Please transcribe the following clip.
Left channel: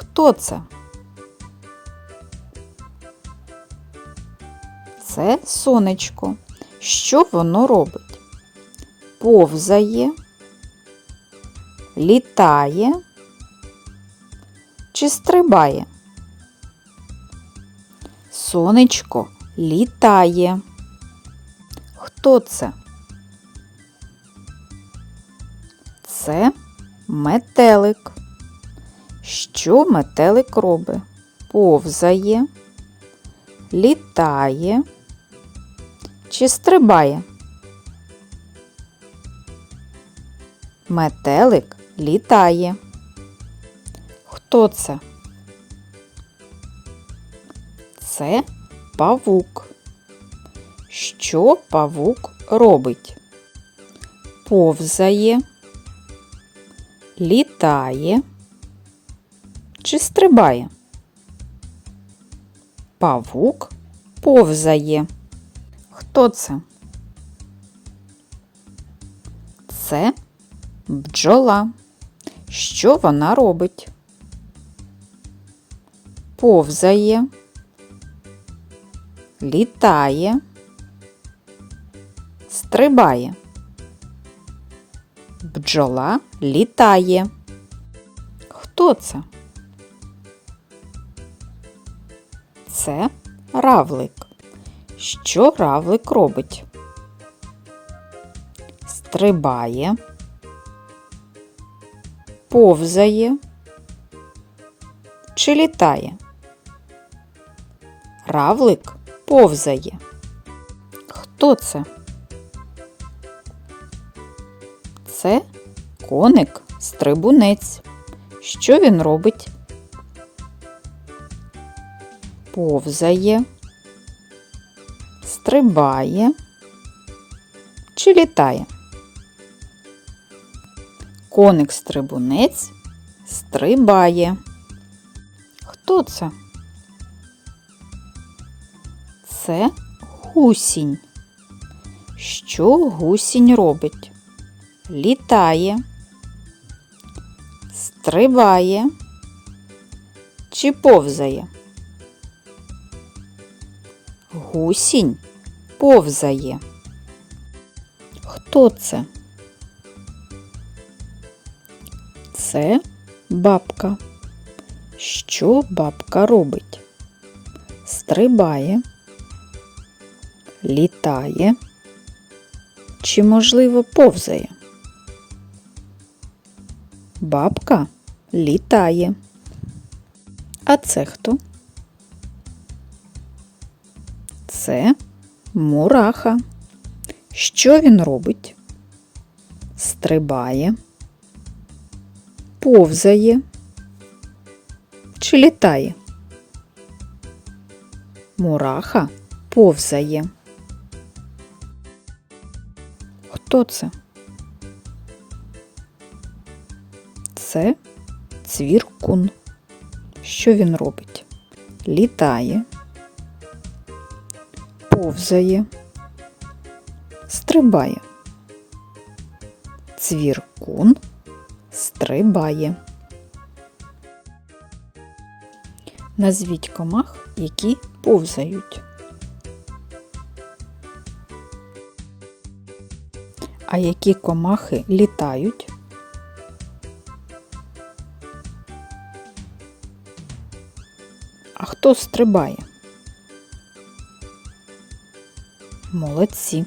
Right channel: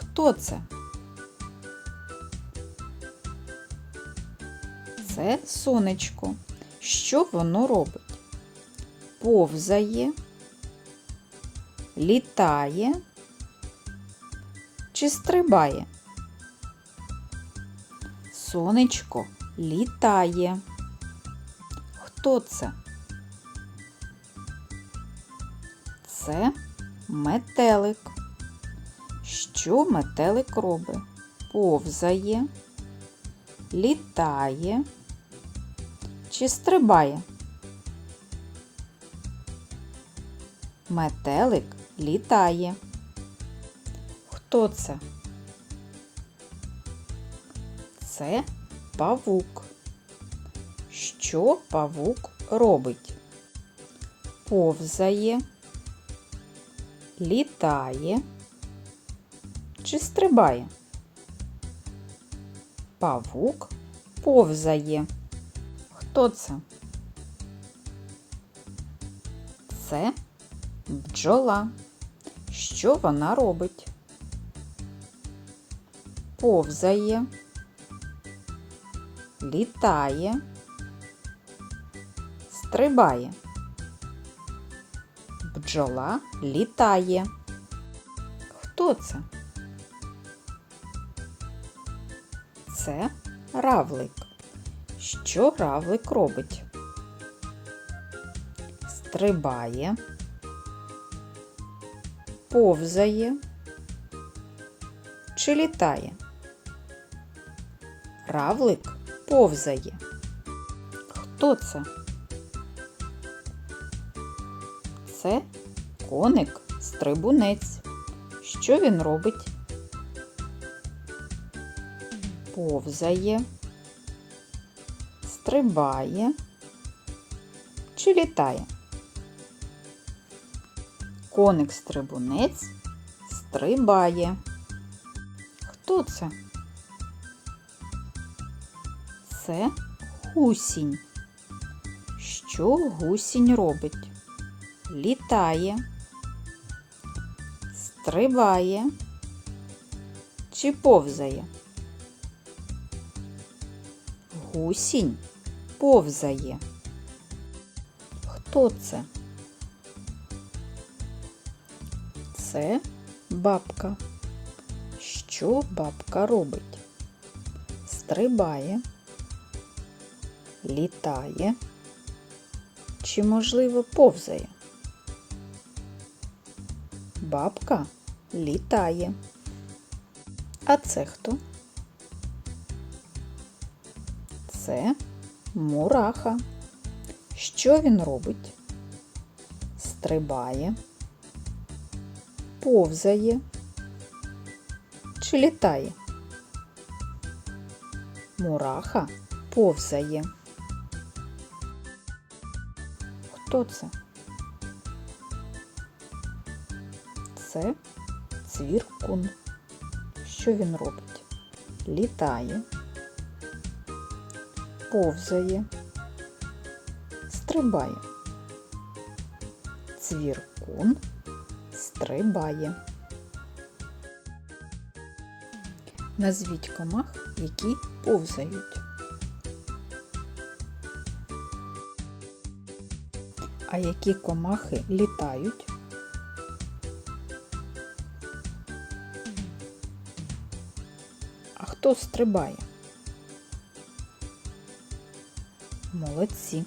Хто це? Це сонечко. Що воно робить? Повзає, літає чи стрибає? Сонечко літає. Хто це? Це метелик. Що метелик робить? Повзає, літає чи стрибає? Метелик літає. Хто це? Це павук. Що павук робить? Повзає, літає чи стрибає? Павук повзає. Хто це? Це бджола. Що вона робить? Повзає, літає, стрибає. Бджола літає. Хто це? Це равлик. Що равлик робить? Стрибає, повзає чи літає? Равлик повзає. Хто це? Це коник стрибунець. Що він робить? Повзає, стрибає чи літає? Коник стрибунець стрибає. Хто це? Це гусінь. Що гусінь робить? Літає, стрибає чи повзає? Гусінь повзає. Хто це? Це бабка. Що бабка робить? Стрибає, літає чи, можливо, повзає? Бабка літає. А це хто? Це мураха. Що він робить? Стрибає, повзає чи літає? Мураха повзає. Хто це? Це цвіркун. Що він робить? Літає, повзає, стрибає. Цвіркун стрибає. Назвіть комах, які повзають. А які комахи літають? А хто стрибає? Молодці.